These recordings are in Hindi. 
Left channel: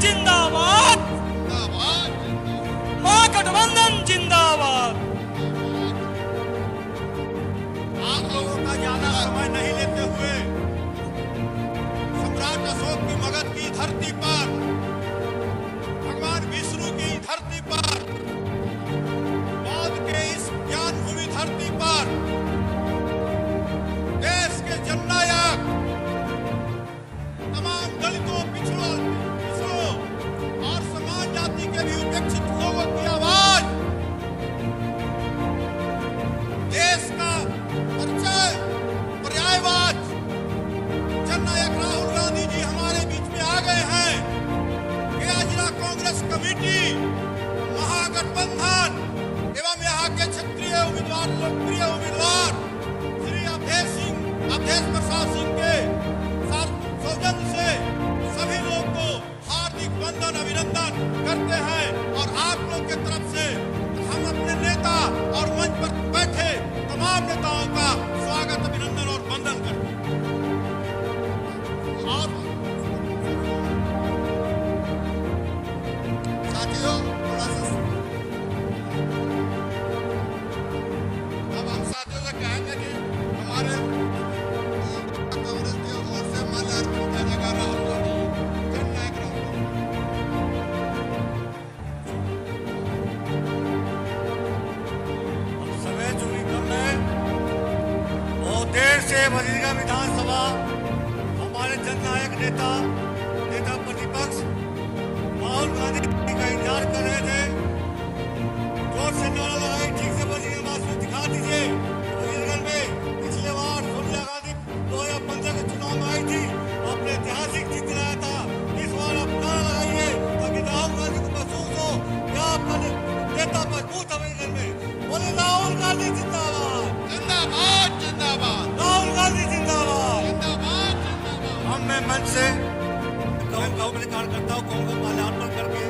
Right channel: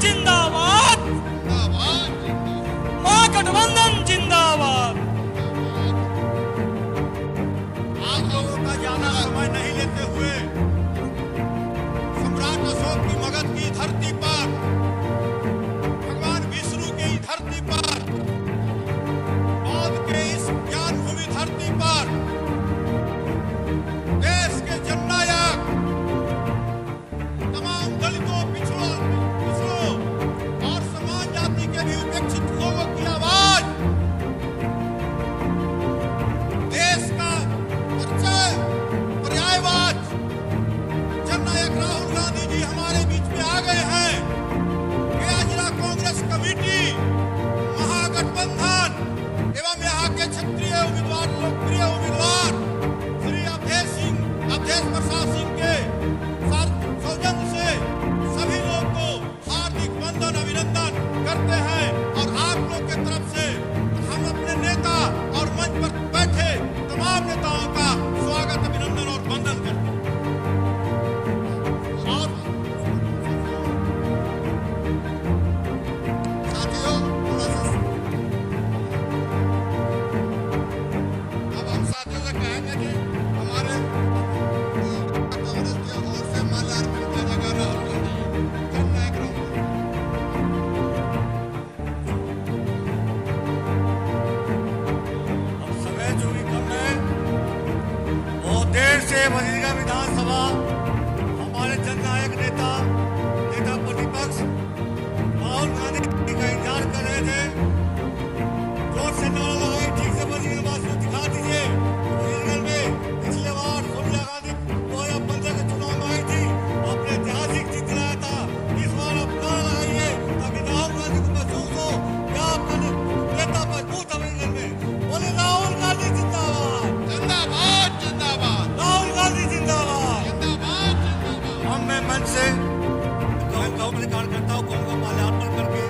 जिंदाबाद, महागठबंधन जिंदाबाद। आप लोगों का ज्यादा समय नहीं लेते हुए सम्राट अशोक की मगध की धरती पर, भगवान विष्णु की धरती पर, बौद्ध के इस ज्ञान भूमि धरती पर देश के जननायक, तमाम दलितों, पिछड़ों और समाज जाति के भी उपेक्षित लोगों की आवाज, देश का परिचय, पर्यायवाद जननायक राहुल गांधी जी हमारे बीच में आ गए हैं। गया जिला कांग्रेस कमेटी, महागठबंधन एवं यहाँ के क्षेत्रीय उम्मीदवार, लोकप्रिय उम्मीदवार श्री अवधेश प्रसाद सिंह के सौजन्य से सभी लोग को हार्दिक वंदन, अभिनंदन करते हैं। और आप लोग के तरफ से हम अपने नेता और मंच पर बैठे तमाम नेताओं का स्वागत, अभिनंदन और वंदन करते हैं। और साथियों, थोड़ा सा अब हम साथियों से कहेंगे कि हमारे कांग्रेस की ओर से माल्यार्पण किया जाएगा राहुल गांधी, जननायक राहुल गांधी। अब समय जो भी कम है, बहुत देर से बजीरगंज विधानसभा हमारे जननायक नेता प्रतिपक्ष राहुल गांधी का इंतजार कर रहे थे। जोर से नारा लगाई, ठीक से बजीरगंज वासियों दिखा दीजिए। बजीरगंज में पिछले बार सोनिया गांधी 2015 के चुनाव में आई थी, आपने ऐतिहासिक जीत दिलाया था। इस बार आप नारा लगाइए ताकि राहुल गांधी को महसूस हो कि आपका नेता मजबूत है बजीरगंज में। बोले राहुल गांधी जिंदाबाद, जिंदाबाद, जिंदाबाद, राहुल गांधी जिंदाबाद, जिंदाबाद, जिंदाबाद। हम मैं मंच से अपने कार्यकर्ताओं को माल्यार्पण करके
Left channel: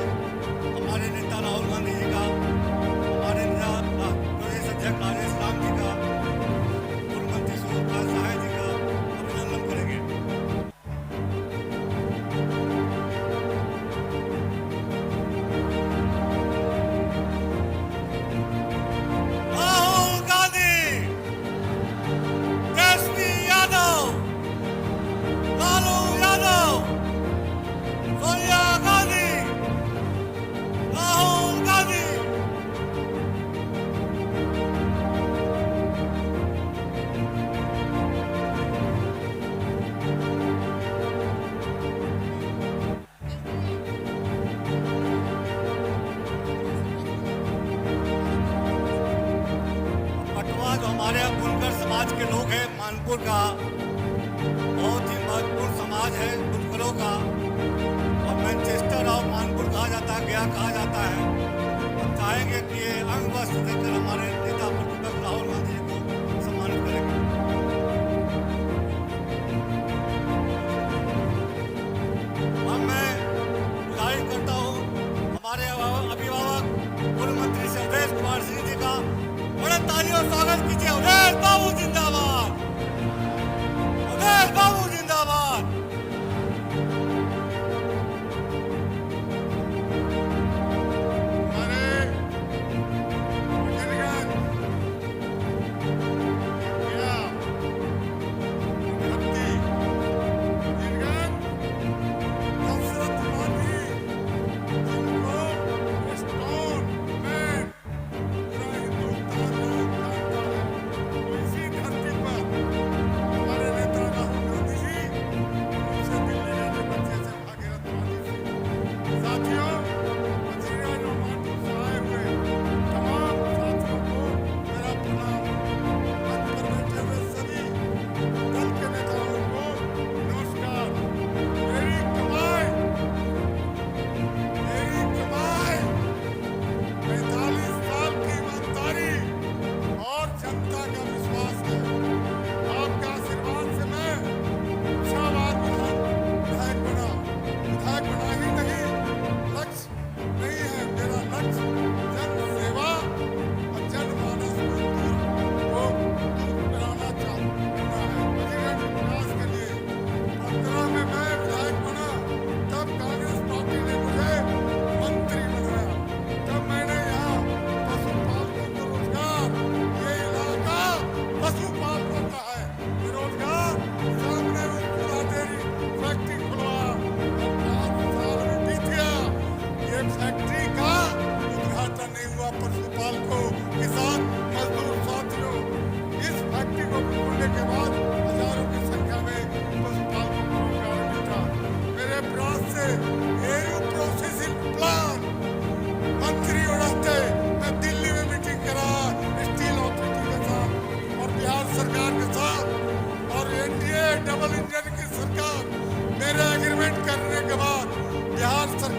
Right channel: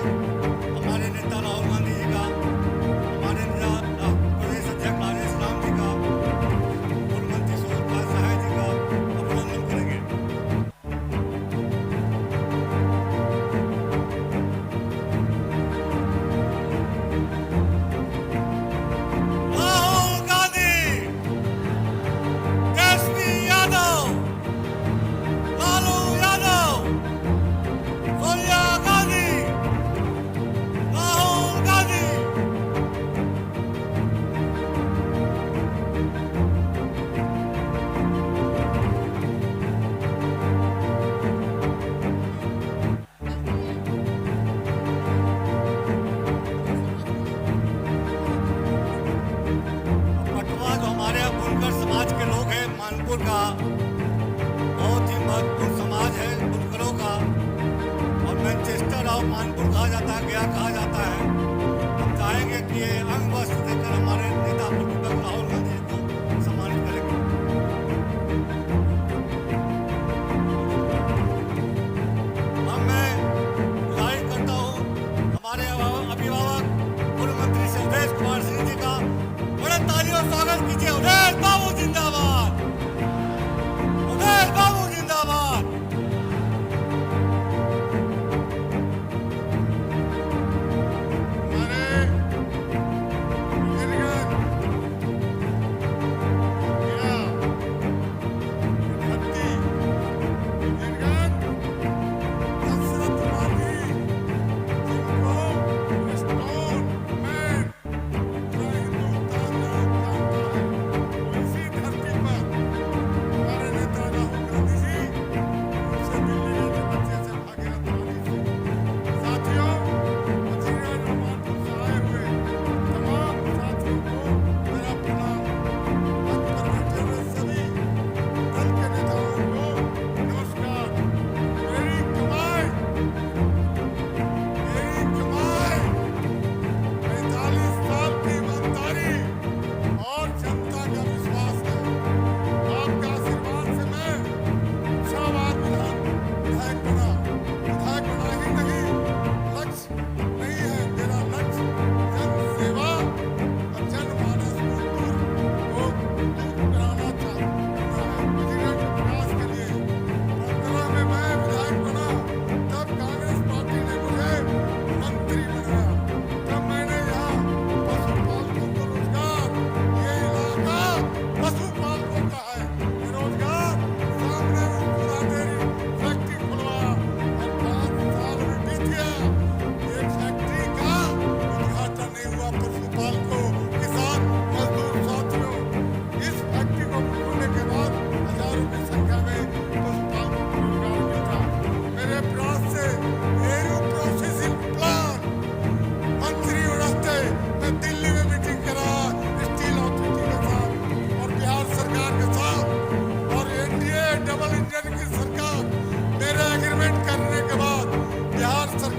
हमारे नेता राहुल गांधी जी का, हमारे प्रदेश अध्यक्ष राजेश राम जी का, पूर्व मंत्री सूर्यप्रकाश सहाय जी का अभिनंदन करेंगे। राहुल गांधी, तेजस्वी यादव, लालू यादव, सोनिया गांधी, राहुल गांधी। पटवा जो हमारे बुनकर समाज के लोग हैं, मानपुर का बहुत ही महत्वपूर्ण समाज है बुनकरों का, और मैनचेस्टर ऑफ मानपुर कहा जाता है, गया कहा जाता है। हम चाहेंगे कि ये अंग वस्त्र देकर हमारे नेता प्रतिपक्ष राहुल गांधी जी को सम्मानित करेंगे। अब मैं गुजारिश करता हूँ हमारे अभिभावक पूर्व मंत्री श्री अवधेश कुमार सिंह जी का बड़े तालियों स्वागत कीजिए। अवधेश बाबू जिंदाबाद, अवधेश बाबू जिंदाबाद।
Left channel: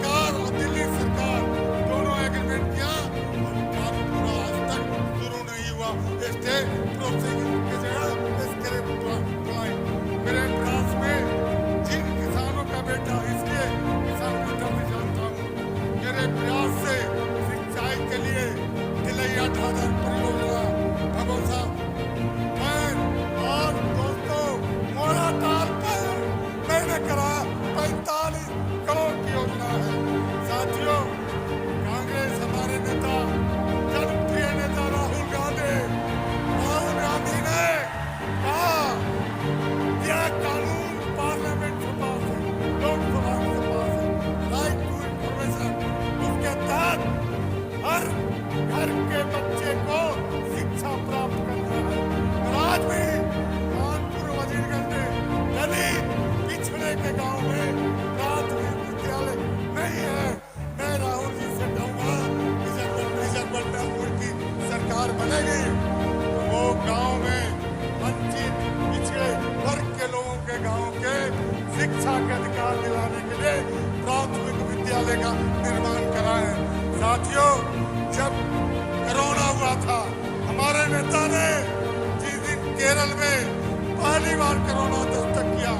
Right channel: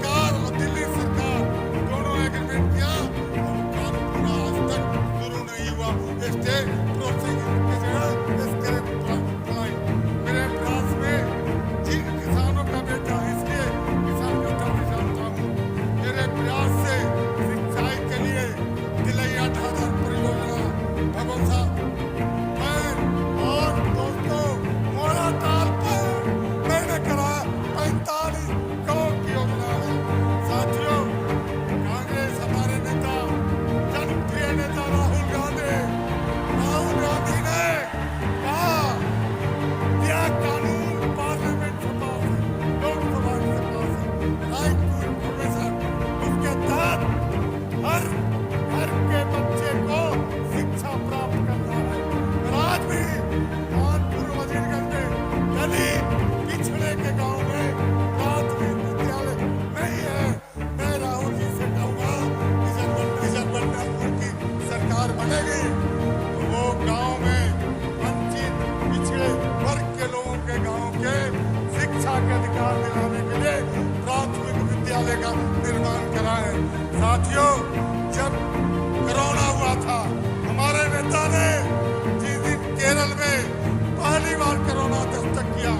सरकार और दिल्ली सरकार दोनों एग्रीमेंट किया और वो काम पूरा आज तक शुरू नहीं हुआ। स्टेट प्रोसीडिंग की जगह इसके बुलाई मेरे प्रयास में जिन किसानों का बेटा, इसलिए किसान का दर्द जानता हूँ, मेरे प्रयास से सिंचाई के लिए तिलैया ढाढर परियोजना, भगोसा और दोस्तों मोड़ा ताल पर मैंने करा 45 करोड़ की योजना है। साथियों, कांग्रेस हमारे नेता, जनप्रिय नेता राहुल गांधी ने कहा यह कानून पार्लियामेंट से पास है, लोकसभा से पास है, राइट टू इंफॉर्मेशन, उसके तहत हर घर के बच्चे को शिक्षा प्राप्त करना है। और आज भी कानपुर वजीरगंज में दलित पिछड़े के गांव में प्राथमिक विद्यालय नहीं है। मैं राहुल जी से कहूंगा कि जब बलरामपुर की सरकार बनेगी तो वो गांव में वंचित पिछड़े वर्ग के लोगों के गांव के शिक्षा के अधिकार दिलाने के लिए प्राथमिक विद्यालय का निर्माण कराएं। साथियों, जब कोरोना हुआ था, हमारे नेता ने जिस दिन केरल में पहली बार कोरोना दस्तक किया,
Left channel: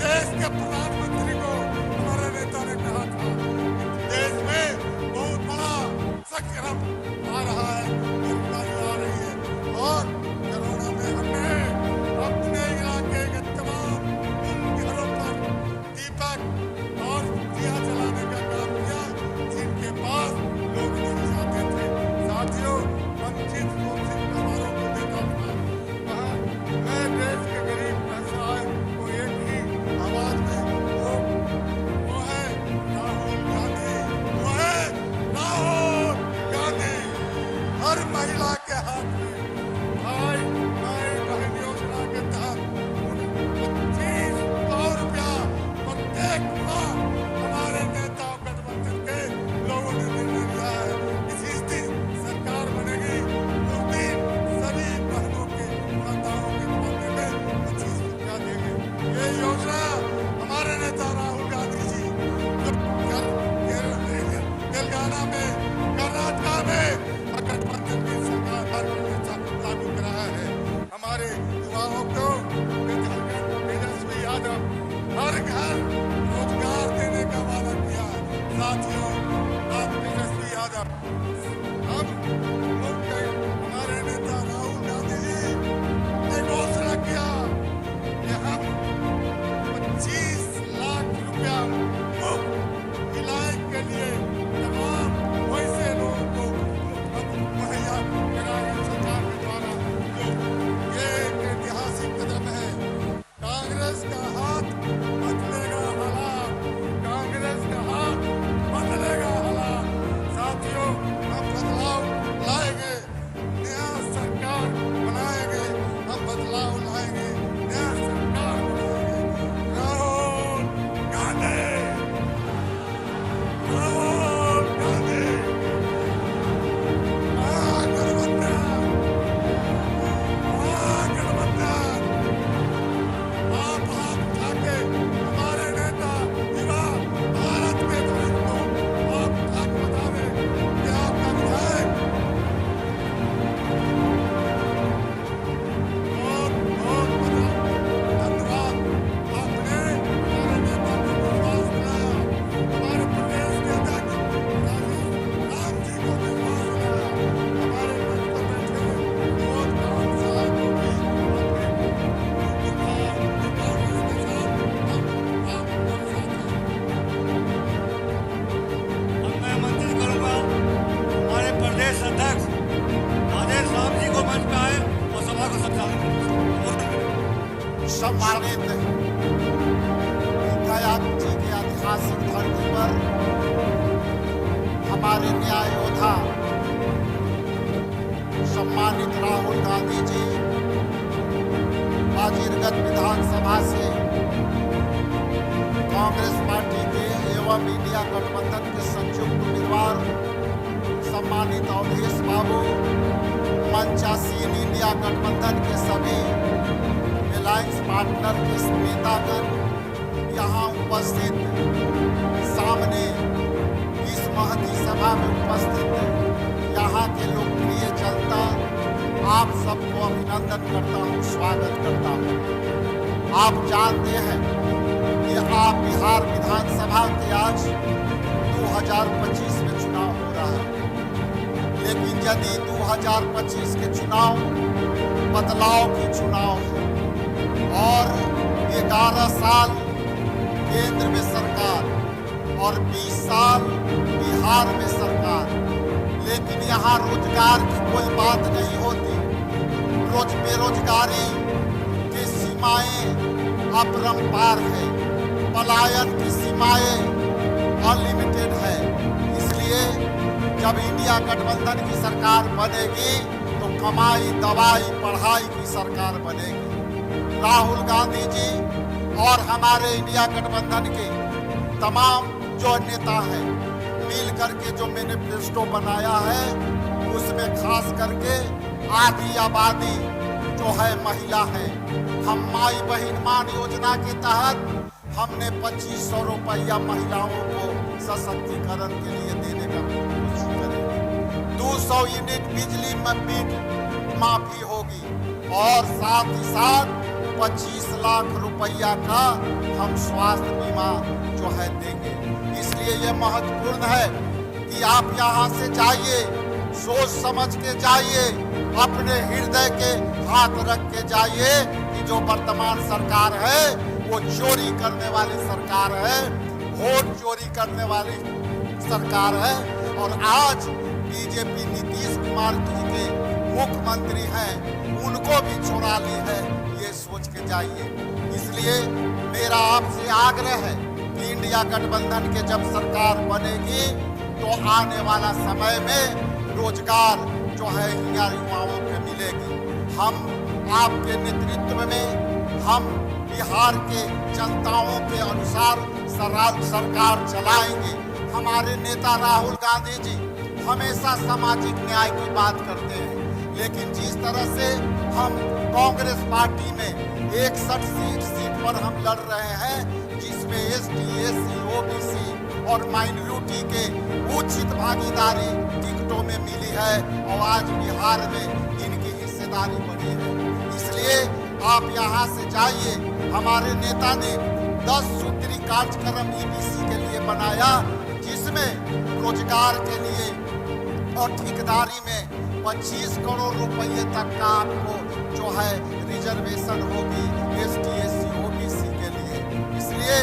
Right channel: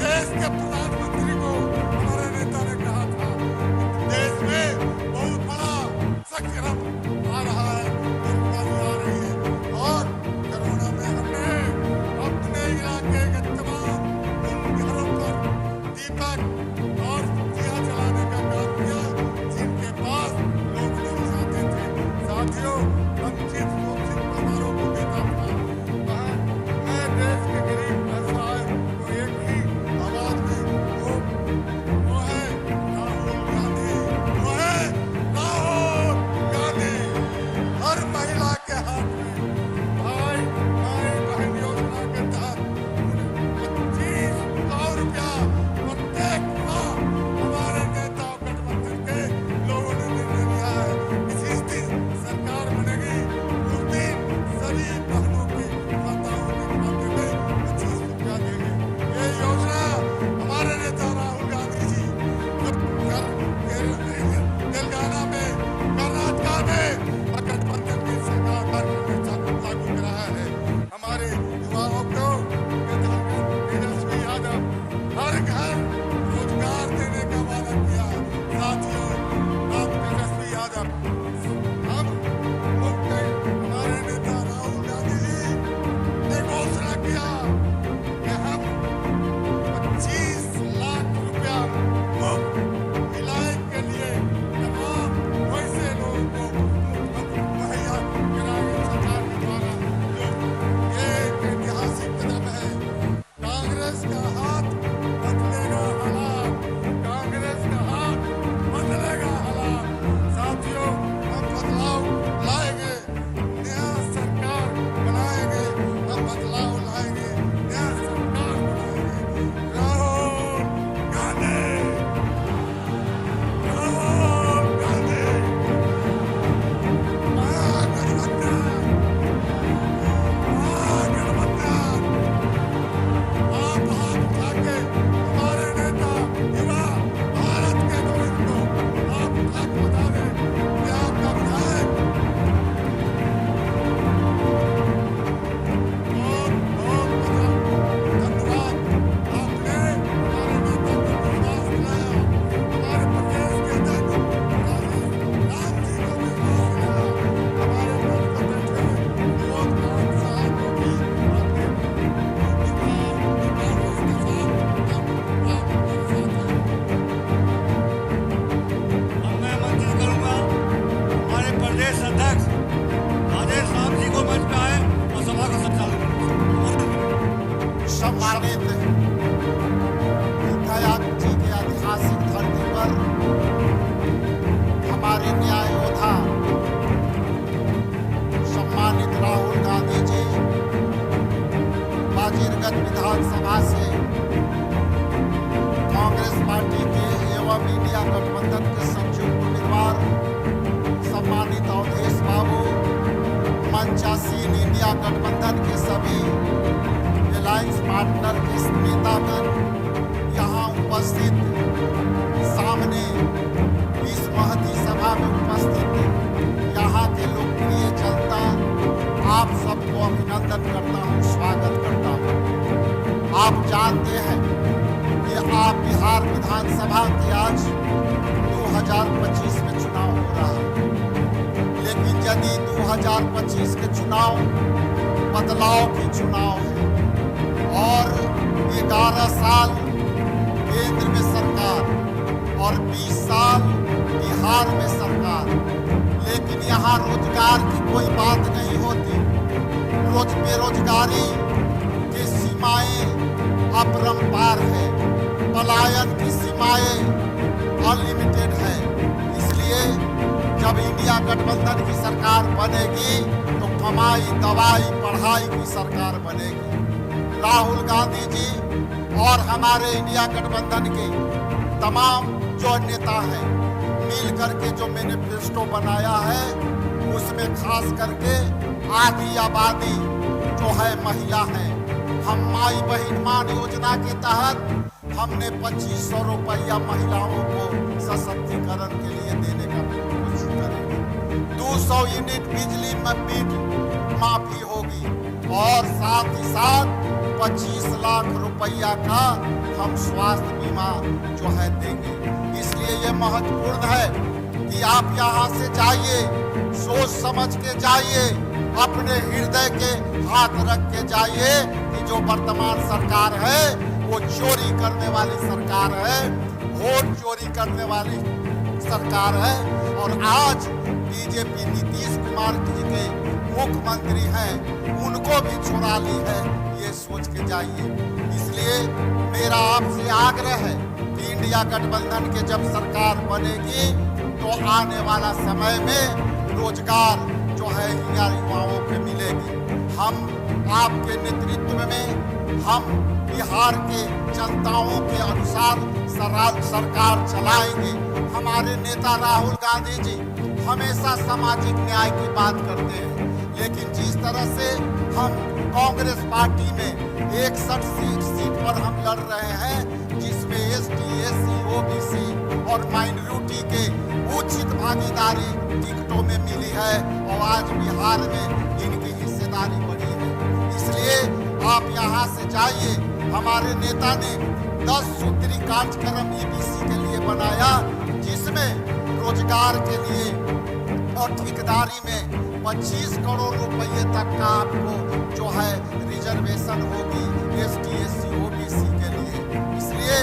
देश के प्रधानमंत्री को हमारे नेता ने कहा था कि देश में बहुत बड़ा संक्रमण आ रहा है, बीमारी आ रही है। और कोरोना में हमने अपने इलाके के तमाम उन घरों पर दीपक और दिया जलाने का काम किया जिनके पास लोग नहीं जाते थे। साथियों, वंचित शोषित परिवारों को देता था। मैं देश के गरीब व्यवसाय को एक ही आवाज में वो है राहुल गांधी, वो है राहुल गांधी। हर महिला के हाथ में भाई माई बहन योजना के तहत 2500 रुपया प्रत्येक माह हमारे नेता गठबंधन के लोगों ने निर्णय लिया है। इसी दिन सरकार बनेगी, उस दिन सभी बहनों के माताओं के खाते में 25 रुपया देंगे। ये योजना हमारे नेता राहुल गांधी जी तेलंगाना में, कर्नाटका में गठबंधन की सरकार लागू कराया है। हमारे युवाओं को विधायक तेजस्वी यादव हर घर रोजगार देने का वादा किया। साथियों, आप तेजस्वी यादव, हम हमारे नेता राहुल गांधी जी ने घोषणा किया कि हम 25 लाख रुपया मुफ्त इलाज के लिए तमाम वैसे लोगों को मुहैया कराएंगे सरकार के द्वारा। जो ये एक ऐतिहासिक कदम है। कांग्रेस का हाथ बदलेगा हालात, कांग्रेस का हाथ बदलेगा हालात। साथियों, हम बदलाव लाएंगे, नया सरकार बनाएंगे, हम बदलाव लाएंगे, नया सरकार बनाएंगे। राहुल गांधी, राहुल गांधी, महागठबंधन, महागठबंधन। आप हाथ उठा के हमारे नेता युवा भारत के भविष्य को आप उठा के बता दें कि आपका विधायक बहुत बहुत धन्यवाद। आपने हमारे नेता को विश्वास दिलाया, हमारे प्रदेश के अध्यक्ष राम जी को विश्वास दिलाया, हमारे मंच पर बैठे हुए बहुत काम सहायक को भी आपने कांग्रेस के साथ आप हमारे साथ हैं। अब मैं आमंत्रित करूंगा हमारे प्रदेश अध्यक्ष राजेश राम जी को मंच पे आए और सभा का संचालन करें। सम्मानित विधायक जी के ऐतिहासिक धरती पर हमारे न्याय योद्धा सम्मानित राहुल गांधी जी बाजीरगंज विधानसभा से कांग्रेस पार्टी के एवं इंडिया गठबंधन के संयुक्त उम्मीदवार सम्मानित अवधेश बाबू, मंचासीन इंडिया गठबंधन के सभी अलायंस पार्टनर के नेतागण यहाँ उपस्थित सामने सभा में उपस्थित यहाँ के लोकप्रिय जनता, आप सबको अभिनंदन करता हूँ, स्वागत करता हूँ। आप जानते हैं कि आप बिहार विधानसभा के आज 2025 में चुनाव हो रहा है, लेकिन यदि 2025 के चुनाव बदलाव की चुनाव है और 11 साल केंद्र में सरकार और 20 साल बिहार में सरकार, लेकिन यहाँ रोजगार की कोई बात नहीं होती। बेरोजगारी की सीमाएं अपरंपार है, पलायन की सीमाएं अनलिमिटेड है। इसलिए जब इंडिया गठबंधन की सरकार बनेगी तो कमाई, दवाई, पढ़ाई की सरकार बनेगी। राहुल गांधी जी और हमारे इंडिया गठबंधन के तमाम जो नेता हैं मिल करके जो मैनिफेस्टो बनाया है, उसमें खास करके आधी आबादी जो है महिला है। हम माई बहन मान योजना के तहत हमने 2500 रुपया महिलाओं को सशक्तिकरण के लिए देने का कोशिश करेंगे। 200 यूनिट बिजली में बिल माफी होगी और साथ ही साथ 25 लाख रुपया का हम स्वास्थ्य बीमा जो है देंगे। इसलिए ये महत्वपूर्ण है कि आप यहाँ से जाइए, सोच समझ के जाइए, अपने हृदय के हाथ रख के जाइए कि जो वर्तमान सरकार है वो चोरी करने वाली सरकार है, वोट चोरी करने वाली सरकार है। और आज बीजेपी नीतीश कुमार जी के मुख्यमंत्री हैं, उनको भी चुरा ली है, ये सोच के जाइए। इसलिए मेरा आपसे आग्रह है कि इंडिया गठबंधन के जब सरकार बनेगी तो आने वाला समय में रोजगार जो है युवाओं को मिलेगी। हम आपके नेतृत्व में हम बिहार के जनताओं के अनुसार सरकार चलाएंगे। हमारे नेता राहुल गांधी जी हमेशा सामाजिक न्याय की बात करते हैं, लेकिन जिस तरह से हम कांग्रेस पार्टी में 61 सीट पर हम लड़ रहे हैं, जिसमें एसटी, एससी, ओबीसी और माइनॉरिटी के उचित भागीदारी टिकटों में मिली है और आज बिहार में इनकी हिस्सेदारी बढ़ी है। इसलिए आप यहाँ से जाइए। हमारे नेता ने 10 सूत्री कार्यक्रम ईबीसी के लिए बनाया, जिसमें रोजगार के लिए और ठेकेदारी में 25 करोड़ रुपए तक का आपको जो है रिजर्वेशन होगी एसटी, एससी, ओबीसी के लिए। इसलिए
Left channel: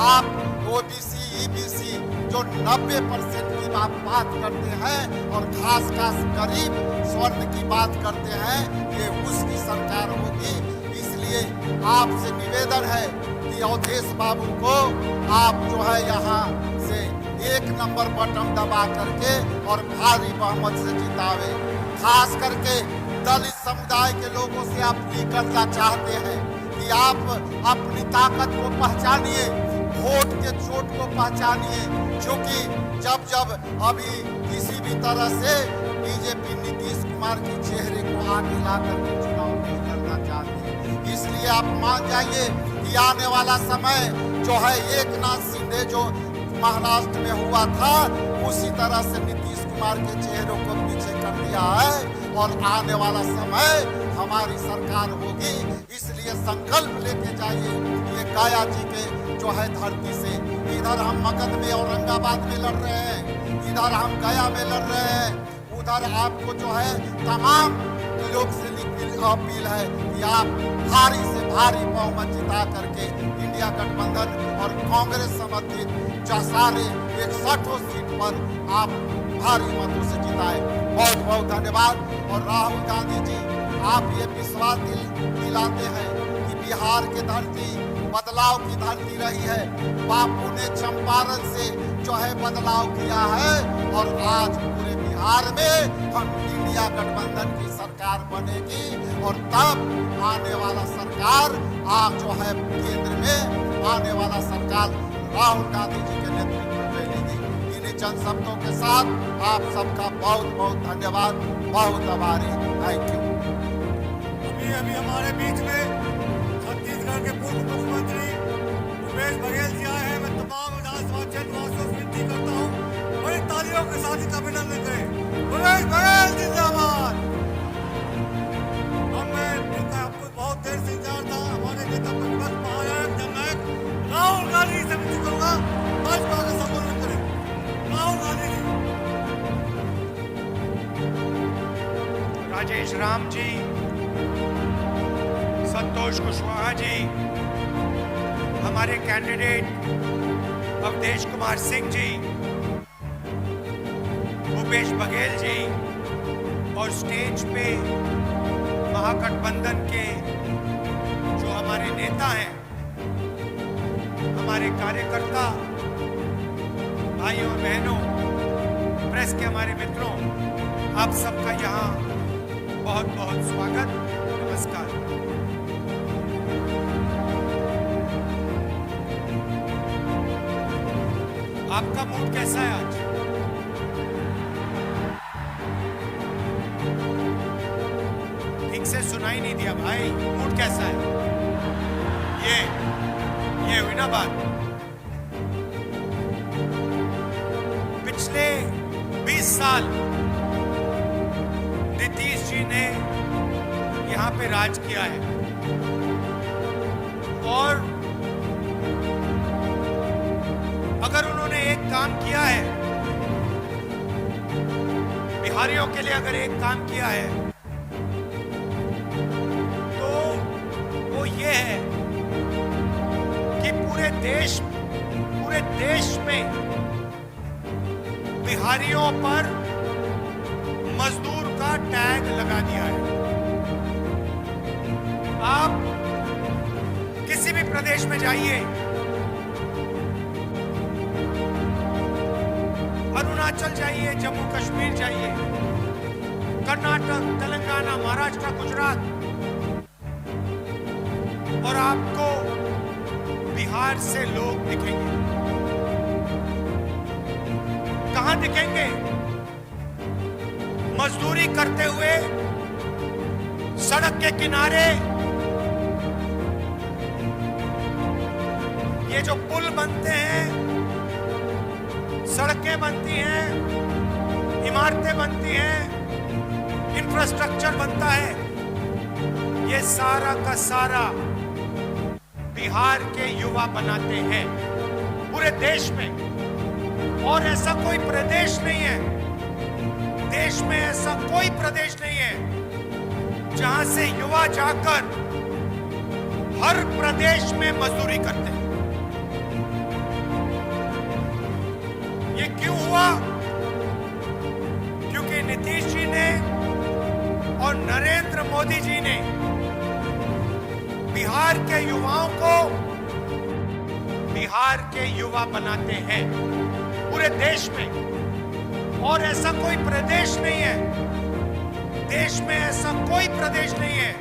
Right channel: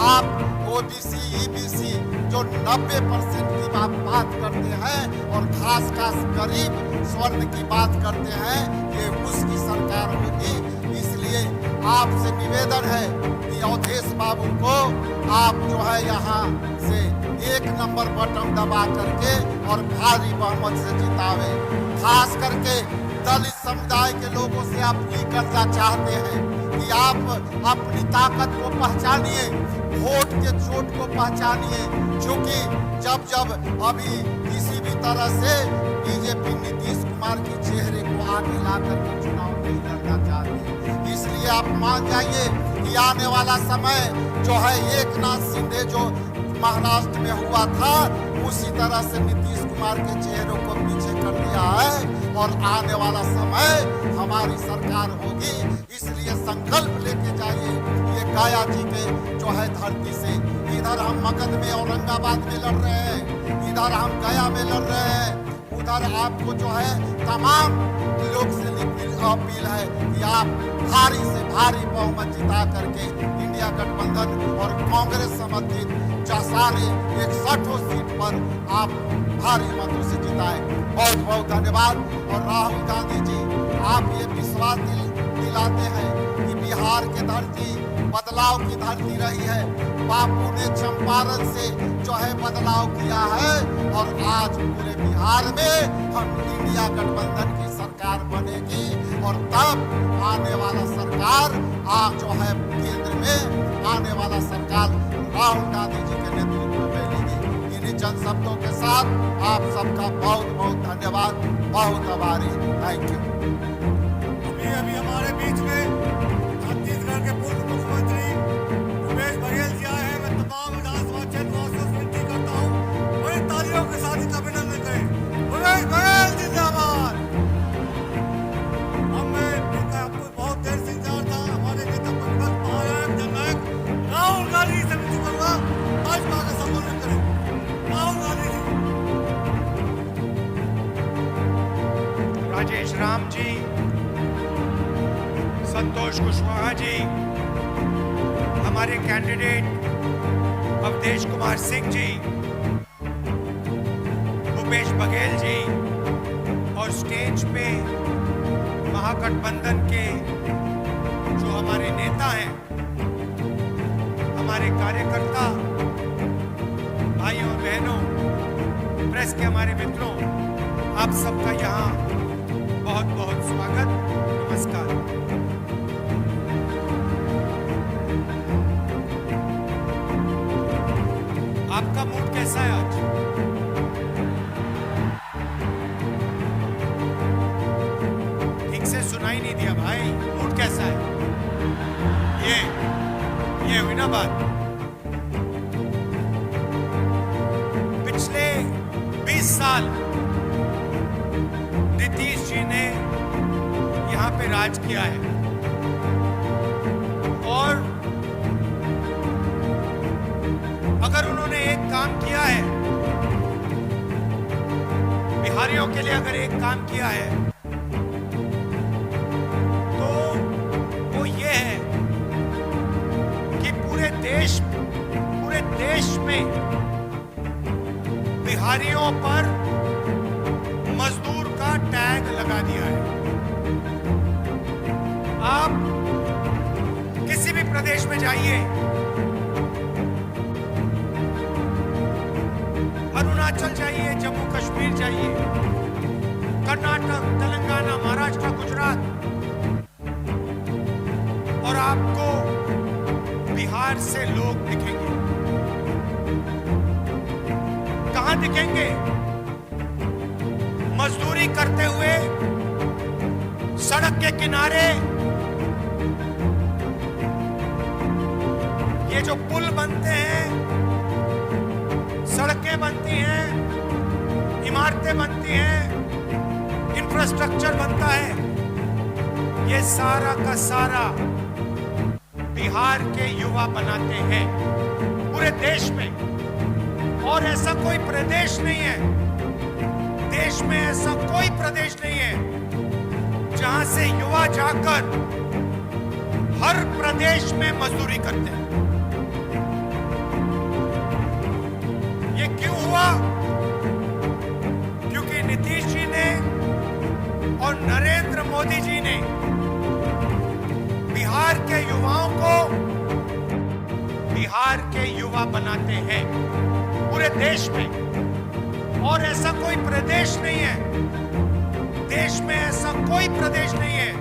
आप ओबीसी, ईबीसी जो 90% की बात करते हैं और खास गरीब स्वर्ण की बात करते हैं, ये उसकी सरकार होगी। इसलिए आपसे निवेदन है कि अवधेश बाबू को आप जो है यहाँ से 1 नंबर बटन दबा करके और भारी बहुमत से जितावे। खास करके दलित समुदाय के लोगों से आप अपील करना चाहते हैं कि आप अपनी ताकत को पहचानिए, वोट के चोट को पहचानिए, क्योंकि जब अभी किसी भी तरह से बीजेपी नीतीश कुमार के चेहरे को आगे ला करके चुनाव नहीं लड़ना चाहती है। इसलिए आप मान जाइए कि आने वाला समय जो है एकनाथ शिंदे जो महाराष्ट्र में हुआ था, उसी तरह से नीतीश कुमार के चेहरों को पीछे कर दिया है और आने वाला समय हमारी सरकार होगी। इसलिए संकल्प लेके जाइए ये गया जी के जो है धरती से। इधर हम मगध में औरंगाबाद में लड़ रहे हैं, इधर हम गया में लड़ रहे हैं, उधर आपको जो है तमाम लोग से अपील है कि आप भारी से भारी बहुमत जिता करके इंडिया गठबंधन और कांग्रेस समर्थित जो सारे 61 सीट पर आप भारी मतों से जिताए। बहुत बहुत धन्यवाद। और राहुल गांधी जी, आप ये विश्वास दिलाते हैं कि बिहार की धरती बदलाव की धरती रही है। बापू ने चंपारण से जो है बदलाव किया है और आज पूरे बिहार में हम इंडिया गठबंधन की सरकार बनेगी और तब आने वाला सरकार आप जो है केंद्र में आने वाला सरकार राहुल गांधी जी के नेतृत्व में लेगी। इन्हीं चंद शब्दों के साथ आप सबका बहुत बहुत धन्यवाद, बहुत आभारी। Thank you. अभी हमारे बीच में छत्तीसगढ़ के पूर्व मुख्यमंत्री भूपेश बघेल जी आए हैं। मैं तमाम विधानसभा क्षेत्र वासियों से विनती करता हूँ, बड़ी ताली तालियों के साथ इनका अभिनंदन करें। भूपेश बघेल जिंदाबाद। अब मैं इनका आपको बहुत देर से इंतजार था। हमारे नेता प्रतिपक्ष महानायक जननायक राहुल गांधी से विनती करूंगा भाजपा का संबोधन करें। राहुल गांधी जी। राजेश राम जी, संतोष कुशवाहा जी, हमारे कैंडिडेट अवधेश कुमार सिंह जी, भूपेश बघेल जी और स्टेज पे महागठबंधन के जो हमारे नेता हैं, हमारे कार्यकर्ता भाइयों और बहनों, प्रेस के हमारे मित्रों, आप सबका यहाँ बहुत बहुत स्वागत, नमस्कार। आपका मूड कैसा है आज? ठीक से सुनाई नहीं दिया भाई, मूड कैसा है? ये हुई ना बात। पिछले 20 साल नीतीश जी ने यहां पे राज किया है और अगर उन्होंने एक काम किया है, बिहारियों के लिए अगर एक काम किया है तो वो ये है कि पूरे देश में बिहारियों पर मजदूर का टैग लगा दिया है। आप किसी भी प्रदेश में जाइए, अरुणाचल जाइए, जम्मू कश्मीर जाइए, कर्नाटक, तेलंगाना, महाराष्ट्र, गुजरात, और आपको बिहार से लोग दिखेंगे। कहां दिखेंगे? मजदूरी करते हुए सड़क के किनारे। ये जो पुल बनते हैं, सड़कें बनती हैं, इमारतें बनती हैं, इंफ्रास्ट्रक्चर बनता है, ये सारा का सारा बिहार के युवा बनाते हैं पूरे देश में। और ऐसा कोई प्रदेश नहीं है, देश में ऐसा कोई प्रदेश नहीं है जहां से युवा जाकर हर प्रदेश में मजदूरी करते हैं। ये क्यों हुआ? क्योंकि नीतीश जी ने और नरेंद्र मोदी जी ने बिहार के युवाओं को बिहार के युवा बनाते हैं पूरे देश में। और ऐसा कोई प्रदेश नहीं है, देश में ऐसा कोई प्रदेश नहीं है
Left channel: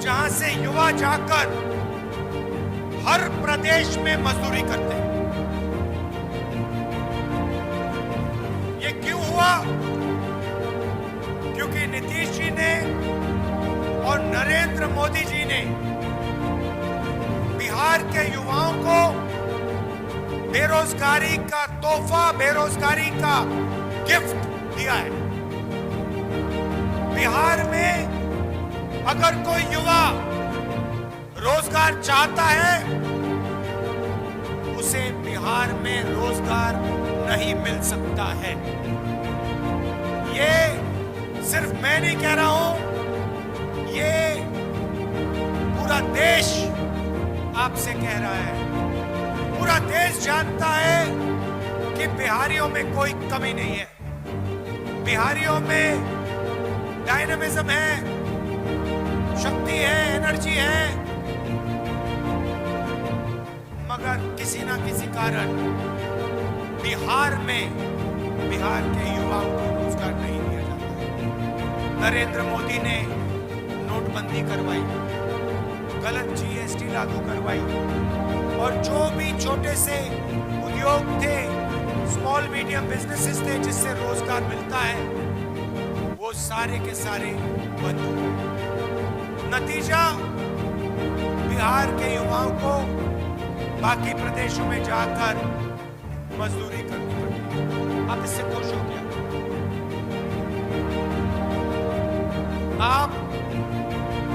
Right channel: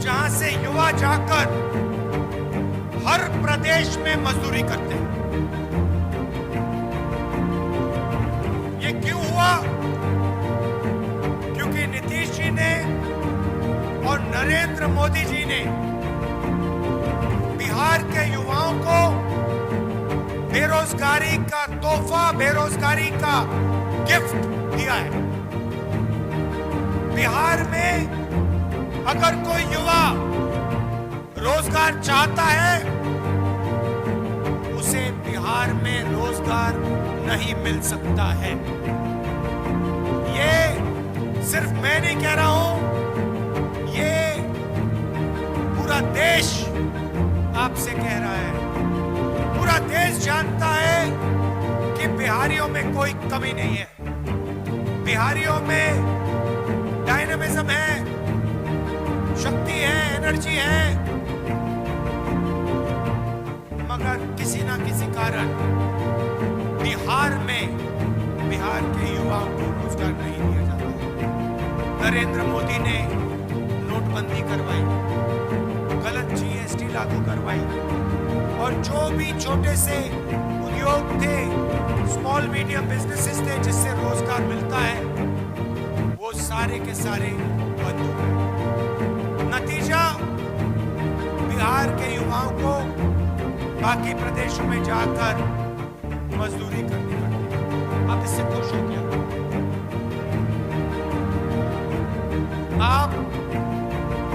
जहां से युवा जाकर हर प्रदेश में मजदूरी करते हैं। ये क्यों हुआ? क्योंकि नीतीश जी ने और नरेंद्र मोदी जी ने बिहार के युवाओं को बेरोजगारी का तोहफा, बेरोजगारी का गिफ्ट दिया है। बिहार में अगर कोई युवा रोजगार चाहता है, उसे बिहार में रोजगार नहीं मिल सकता है। ये सिर्फ मैं नहीं कह रहा हूं, ये पूरा देश आपसे कह रहा है। पूरा देश जानता है कि बिहारियों में कोई कमी नहीं है, बिहारियों में डायनामिज्म है, शक्ति है, एनर्जी है, मगर किसी ना किसी कारण बिहार के युवाओं को रोजगार नहीं दिया जाता है। नरेंद्र मोदी ने नोटबंदी करवाई, गलत जीएसटी लागू करवाई, और जो भी छोटे से उद्योग थे, स्मॉल मीडियम बिजनेसेस थे जिससे रोजगार मिलता है, वो सारे के सारे बंद हो गए। नतीजा, बिहार के युवाओं को बाकी प्रदेशों में जाकर मजदूरी करनी पड़ती है। आप इससे खुश हो क्या? आप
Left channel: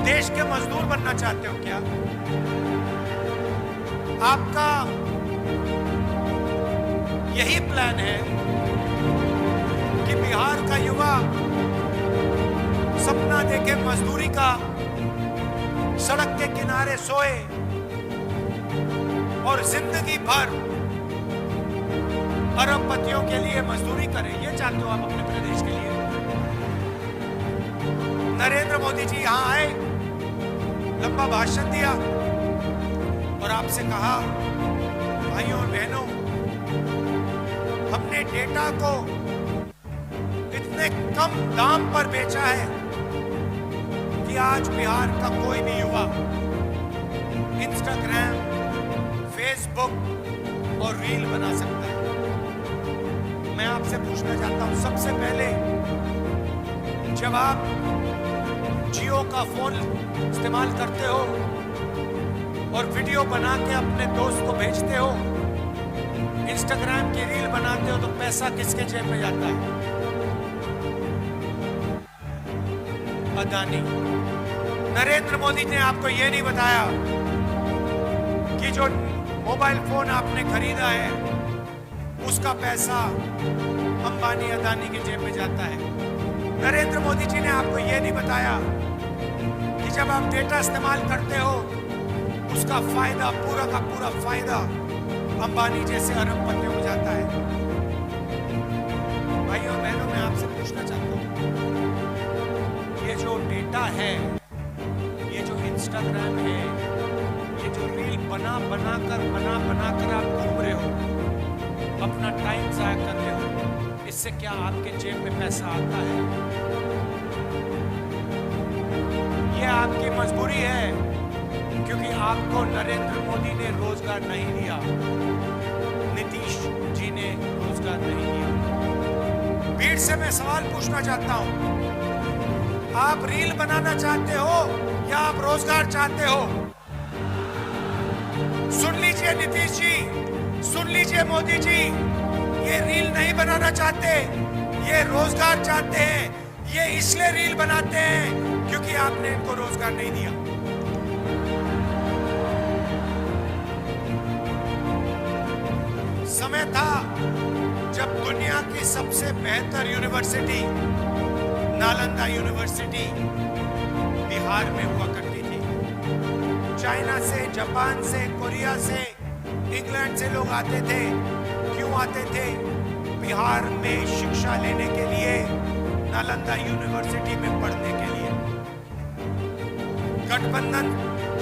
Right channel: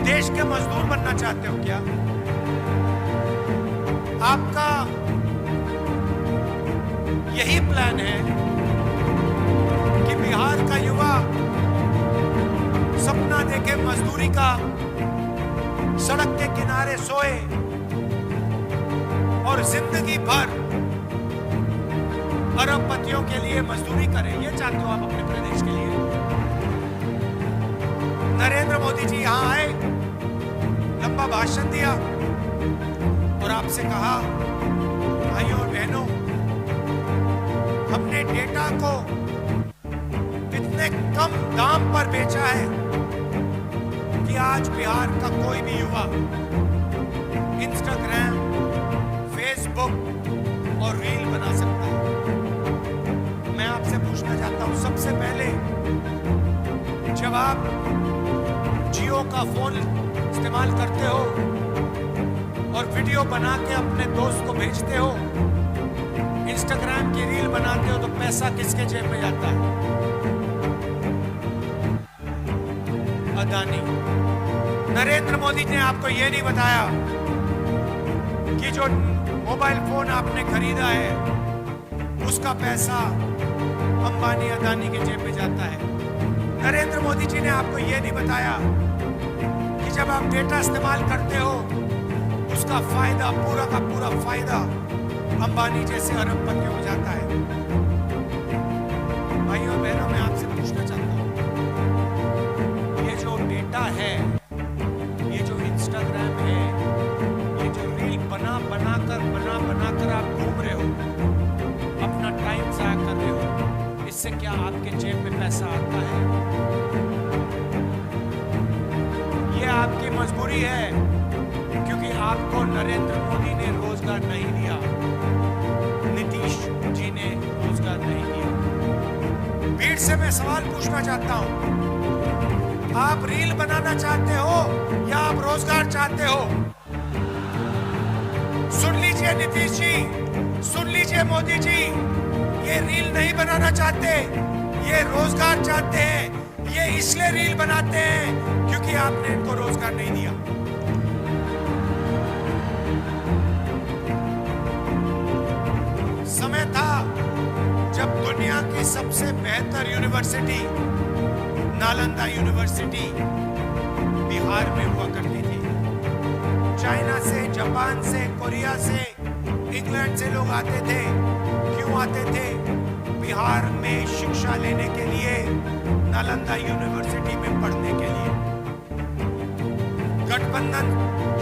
देश के मजदूर बनना चाहते हो क्या? आपका यही प्लान है कि बिहार का युवा सपना देखे मजदूरी का, सड़क के किनारे सोए और जिंदगी भर अरबपतियों के लिए मजदूरी करे? ये चाहते हो आप अपने प्रदेश के लिए? नरेंद्र मोदी जी यहां आए, लंबा भाषण दिया और आपसे कहा, भाइयों और बहनों, हमने डेटा को इतने कम दाम पर बेचा है कि आज बिहार का कोई भी युवा इंस्टाग्राम, फेसबुक और रील बना सकता है। मैं आपसे पूछना चाहता हूं, सबसे पहले जब आप जियो का फोन इस्तेमाल करते हो और वीडियो बना के अपने दोस्त को भेजते हो, इंस्टाग्राम की रील बनाते हो, तो पैसा किसके जेब में जाता है? अदानी। नरेंद्र मोदी ने आपको यह नहीं बताया कि जो मोबाइल फोन आपने खरीदा है उसका पैसा अंबानी अदानी के जेब में जाता है। नरेंद्र मोदी जी ने आपको यह नहीं बताया कि जब आप डेटा इस्तेमाल करते हो उसका फायदा, पूरा का पूरा फायदा अंबानी जैसे अरबपतियों को जाता है। भाइयों और बहनों, मैं आपसे पूछना चाहता हूं, ये जो डेटा है, ये जो इंस्टाग्राम है, ये जो रील बना कर आप घूम रहे हो, अपना टाइम जाया कर रहे हो, इससे क्या आपके जेब में पैसा आता है? ये आपकी मजबूरी है, क्योंकि आपको नरेंद्र मोदी ने रोजगार नहीं दिया, नीतीश जी ने रोजगार नहीं दिया। भीड़ से मैं सवाल पूछना चाहता हूं, आप रील बनाना चाहते हो या आप रोजगार चाहते हो? सुन लीजिए नीतीश जी, सुन लीजिए मोदी जी, ये रील नहीं बनाना चाहते, ये रोजगार चाहते हैं। ये इसलिए रील बनाते हैं क्योंकि आपने इनको रोजगार नहीं दिया। समय था जब दुनिया की सबसे बेहतर यूनिवर्सिटी नालंदा यूनिवर्सिटी बिहार में हुआ करती थी। चाइना से, जापान से, कोरिया से, इंग्लैंड से लोग आते थे। क्यों आते थे? बिहार में शिक्षा लेने के लिए, नालंदा यूनिवर्सिटी में पढ़ने के लिए। गठबंधन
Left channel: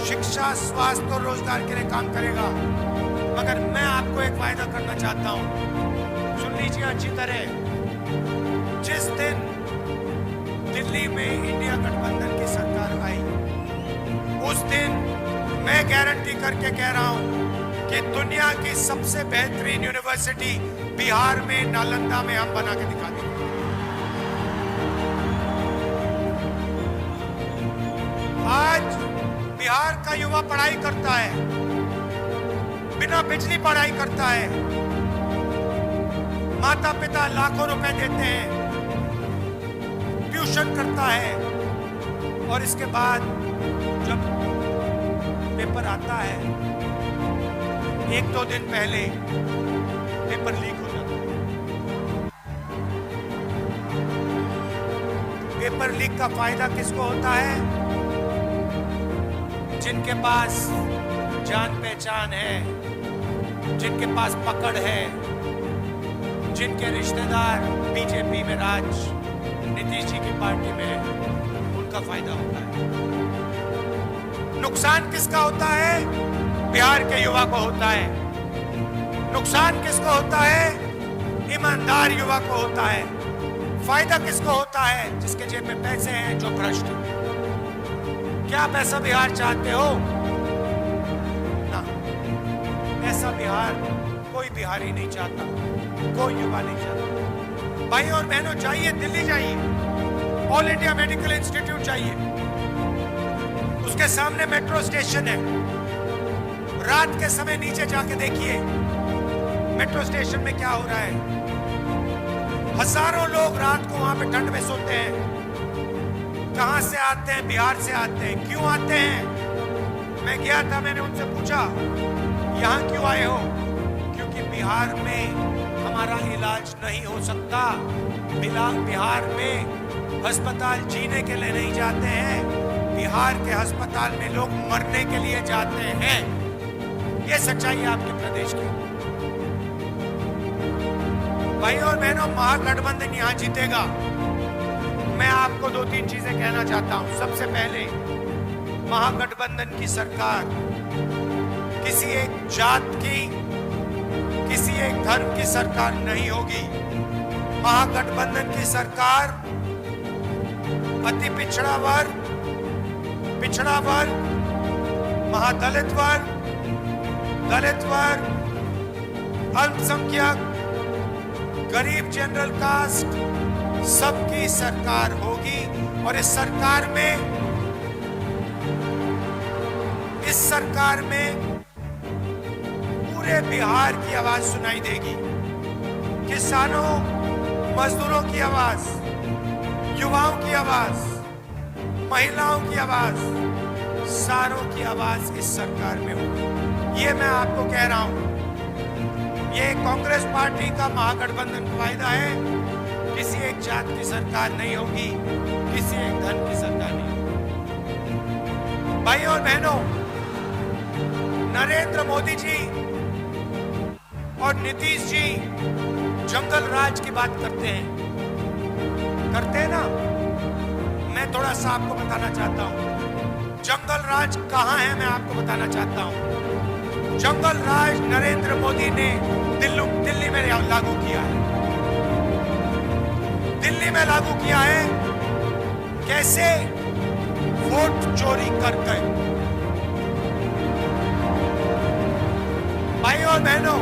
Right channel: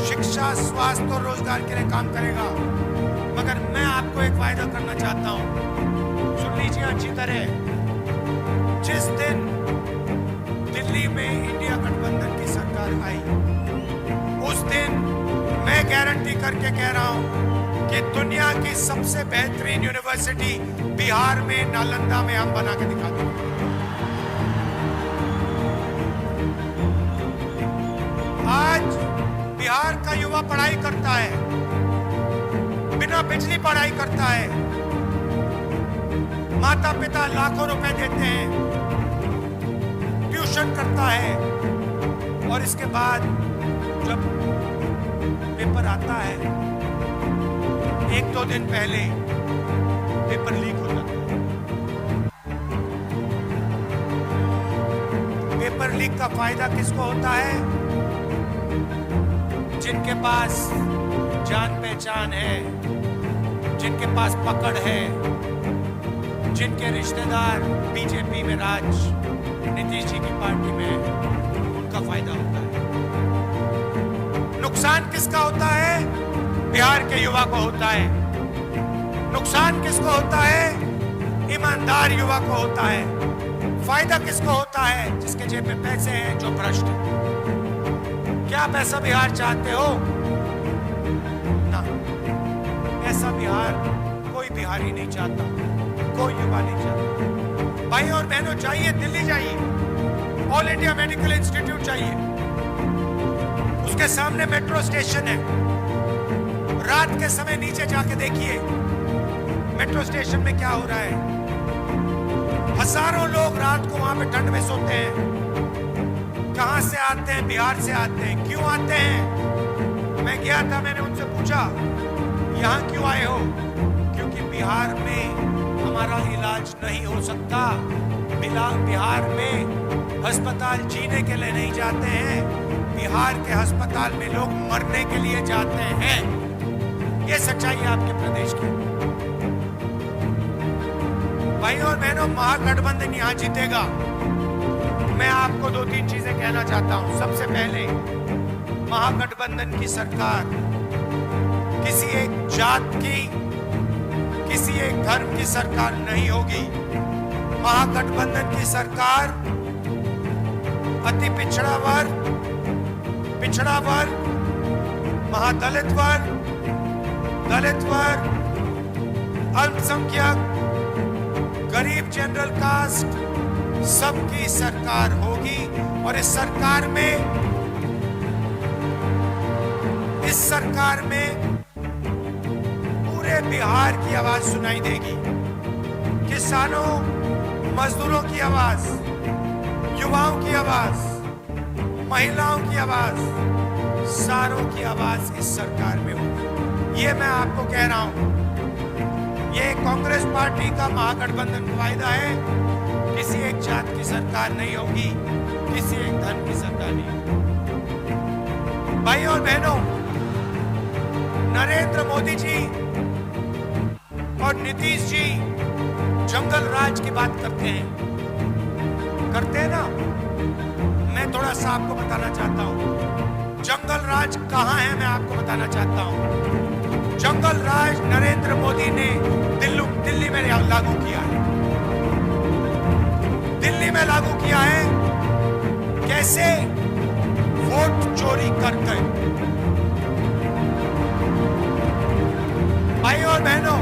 शिक्षा, स्वास्थ्य और रोजगार के लिए काम करेगा, मगर मैं आपको एक वायदा करना चाहता हूं, सुन लीजिए अच्छी तरह। जिस दिन दिल्ली में इंडिया गठबंधन की सरकार आई, उस दिन मैं गारंटी करके कह रहा हूं कि दुनिया की सबसे बेहतरीन यूनिवर्सिटी बिहार में, नालंदा में हम बना के दिखा देंगे। आज बिहार का युवा पढ़ाई करता है, बिना बिजली पढ़ाई करता है, माता पिता लाखों रुपए देते हैं, ट्यूशन करता है, और इसके बाद जब पेपर आता है, एक दो दिन पहले पेपर लीक हो जाता है। पेपर लीक का फायदा किसको होता है? जिनके पास जान पहचान है, जिनके पास पकड़ है, जिनके रिश्तेदार बीजेपी में राज, नीतीश जी की पार्टी में, उनका फायदा होता है। नुकसान किसका होता है? बिहार के युवा को होता है। नुकसान किसको होता है? ईमानदार युवा को होता है। फायदा किसको होता है? जिसके जेब में पैसे हैं, जो भ्रष्ट है। क्या पैसा बिहार चाहते हो? ना, ऐसा बिहार कोई बिहारी नहीं चाहता, कोई युवा नहीं चाहता। भाई और बहनों, जाइए दिल्ली, जाइए, ऑल इंडिया मेडिकल इंस्टीट्यूट जाइए, उसके सामने मेट्रो स्टेशन है। रात के समय नीचे जाके देखिए मेट्रो स्टेशन में क्या हो रहा है। हजारों लोग रात को वहां पे ठंड में सोते हैं। कहां से आते हैं? बिहार से आते हैं। क्यों आते हैं? मैं गया था, मैंने उनसे पूछा यहां क्यों आए हो? क्योंकि बिहार में हमारा इलाज नहीं हो सकता। बिहार में अस्पताल जीने के लिए नहीं जाते हैं, बिहार के अस्पताल में लोग मरने के लिए जाते हैं। ये सच्चाई है आपके प्रदेश की। भाइयों और बहनों, महागठबंधन यहां जीतेगा। मैं आपको 2-3 चीजें कहना चाहता हूं। सबसे पहले, महागठबंधन की सरकार किसी एक जात की, किसी एक धर्म की सरकार नहीं होगी। महागठबंधन की सरकार अति पिछड़ा वर्ग, महादलित वर्ग, दलित वर्ग, अल्पसंख्यक, गरीब, जनरल कास्ट, सबकी सरकार होगी। और इस सरकार में पूरे बिहार की आवाज सुनाई देगी। किसानों, मजदूरों की आवाज, युवाओं की आवाज, महिलाओं की आवाज, सारों की आवाज इस सरकार में होगी। ये मैं आपको कह रहा हूं। ये कांग्रेस पार्टी का महागठबंधन का वायदा है। किसी एक जात की सरकार नहीं होगी, किसी एक धर्म की सरकार नहीं होगी। भाइयों और बहनों, नरेंद्र मोदी जी और नीतीश जी जंगल राज की बात करते हैं ना। मैं थोड़ा सा आपको बताना चाहता हूं जंगल राज कहां है। मैं आपको बताना चाहता हूं जंगल राज नरेंद्र मोदी ने दिल्ली में लागू किया है। दिल्ली में लागू किया है। कैसे? वोट चोरी करके। भाइयों और बहनों,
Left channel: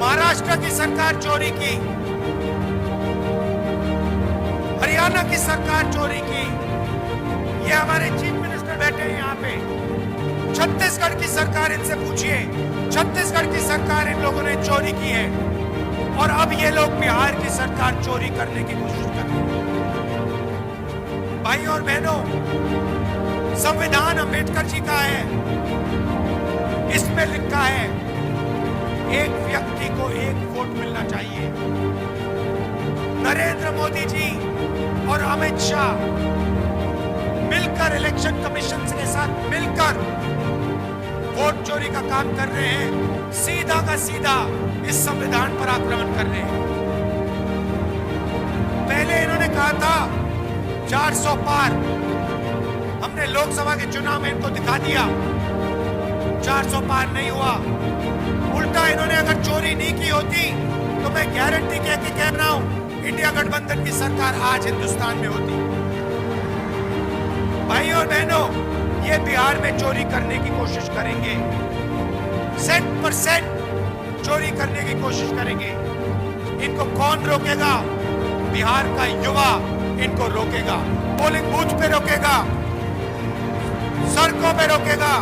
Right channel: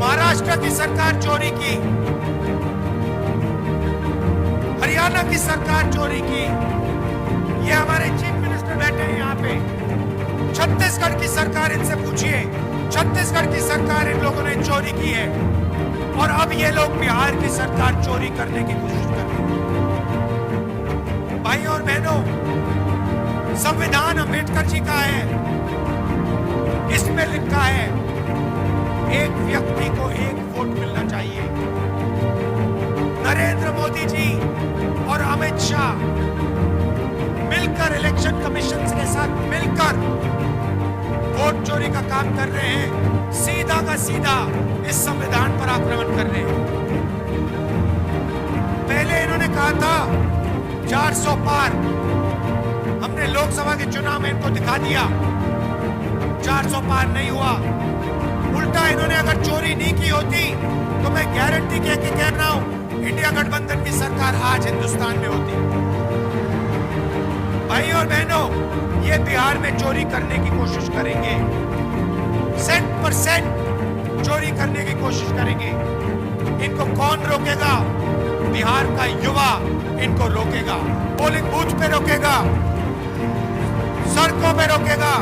महाराष्ट्र की सरकार चोरी की, हरियाणा की सरकार चोरी की। ये हमारे चीफ मिनिस्टर बैठे हैं यहाँ पे। छत्तीसगढ़ की सरकार, इनसे पूछिए, छत्तीसगढ़ की सरकार इन लोगों ने चोरी की है। और अब ये लोग बिहार की सरकार चोरी करने की कोशिश कर रहे हैं। भाइयों और बहनों, संविधान अंबेडकर जी का है। इसमें लिखा है एक व्यक्ति को एक वोट मिलना चाहिए। नरेंद्र मोदी जी और अमित शाह मिलकर इलेक्शन कमीशन के साथ मिलकर वोट चोरी का काम कर रहे हैं। सीधा का सीधा इस संविधान पर आक्रमण कर रहे हैं। पहले इन्होंने कहा था 400 पार। हमने लोकसभा के चुनाव में इनको दिखा दिया 400 पार नहीं हुआ। उल्टा इन्होंने अगर चोरी नहीं की होती तो मैं गारंटी कह रहा हूं इंडिया गठबंधन की सरकार आज हिंदुस्तान में होती। भाइयों और बहनों, ये बिहार में चोरी करने की कोशिश करेंगे। 100% चोरी करने की कोशिश करेंगे। इनको कौन रोकेगा? बिहार का युवा इनको रोकेगा। पोलिंग बूथ पे रोकेगा, सड़कों पे रोकेगा,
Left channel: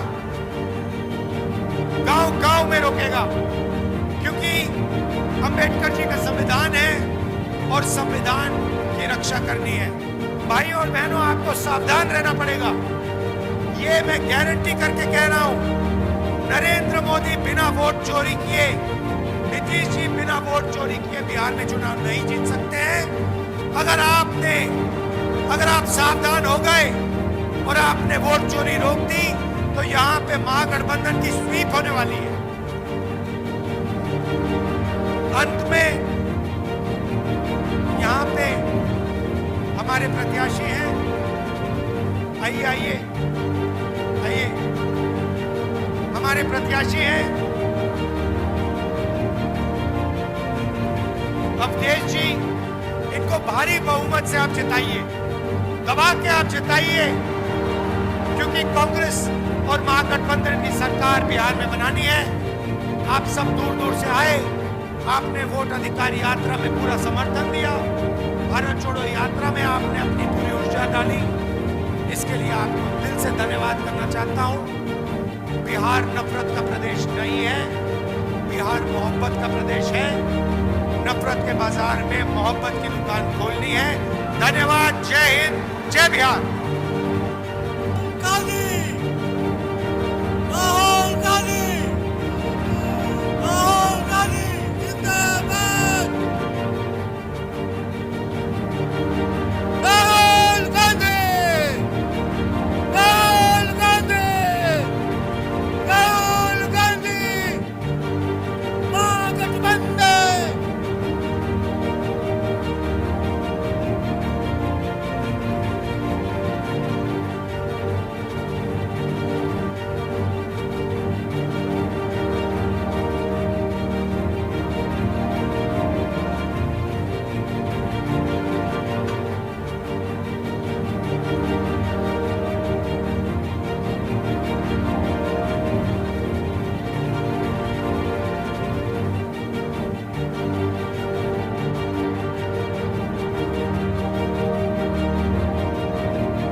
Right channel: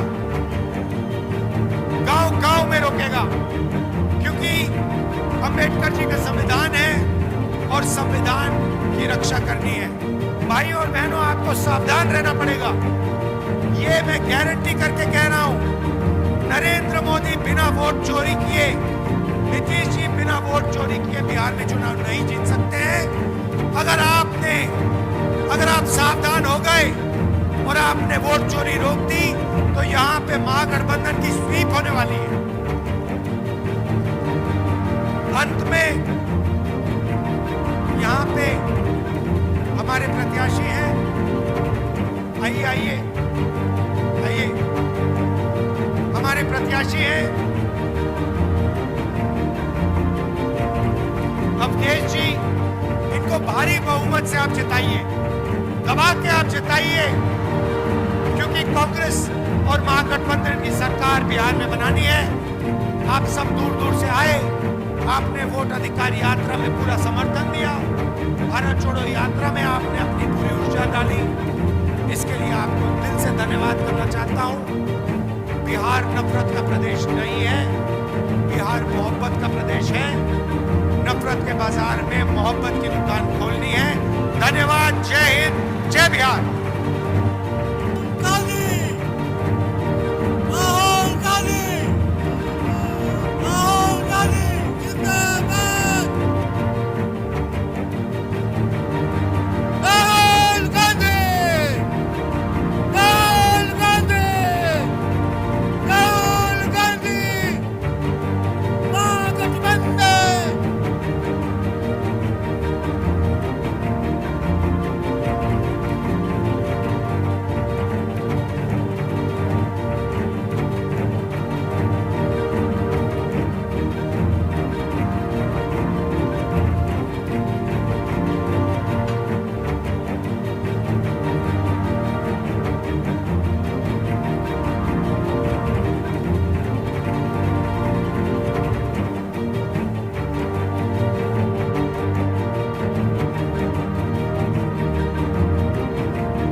गांव-गांव में रोकेगा। क्योंकि अंबेडकर जी का संविधान है और संविधान की रक्षा करनी है। भाइयों और बहनों, आपको सावधान रहना पड़ेगा। ये मैं गारंटी करके कह रहा हूं, नरेंद्र मोदी बिना वोट चोरी किए, नीतीश जी बिना वोट चोरी किए बिहार में चुनाव नहीं जीत सकते हैं। अगर आप सावधान हो गए और आपने वोट चोरी रोक दी तो यहां पे महागठबंधन की स्वीप होने वाली है। अंत में यहां पे हमारे प्रत्याशी हैं। आइए हमारे प्रत्याशी हैं अवधेश जी। इनको भारी बहुमत से आप जिताइए, दबा के आप जिताइए, क्योंकि कांग्रेस और महागठबंधन की सरकार बिहार में बनानी है। आप सब दूर दूर से आए, आपने वोट अधिकार यात्रा में पूरा समर्थन दिया, भारत छोड़ो यात्रा में आपने अपनी पूरी ऊर्जा डाली। इसके लिए आपको दिल से धन्यवाद करना चाहता हूं। बिहार नफरत का प्रदेश नहीं है। बिहार मोहब्बत का प्रदेश है। नफरत के बाजार में मोहब्बत की दुकान खोलनी है। धन्यवाद। जय हिंद, जय बिहार। काल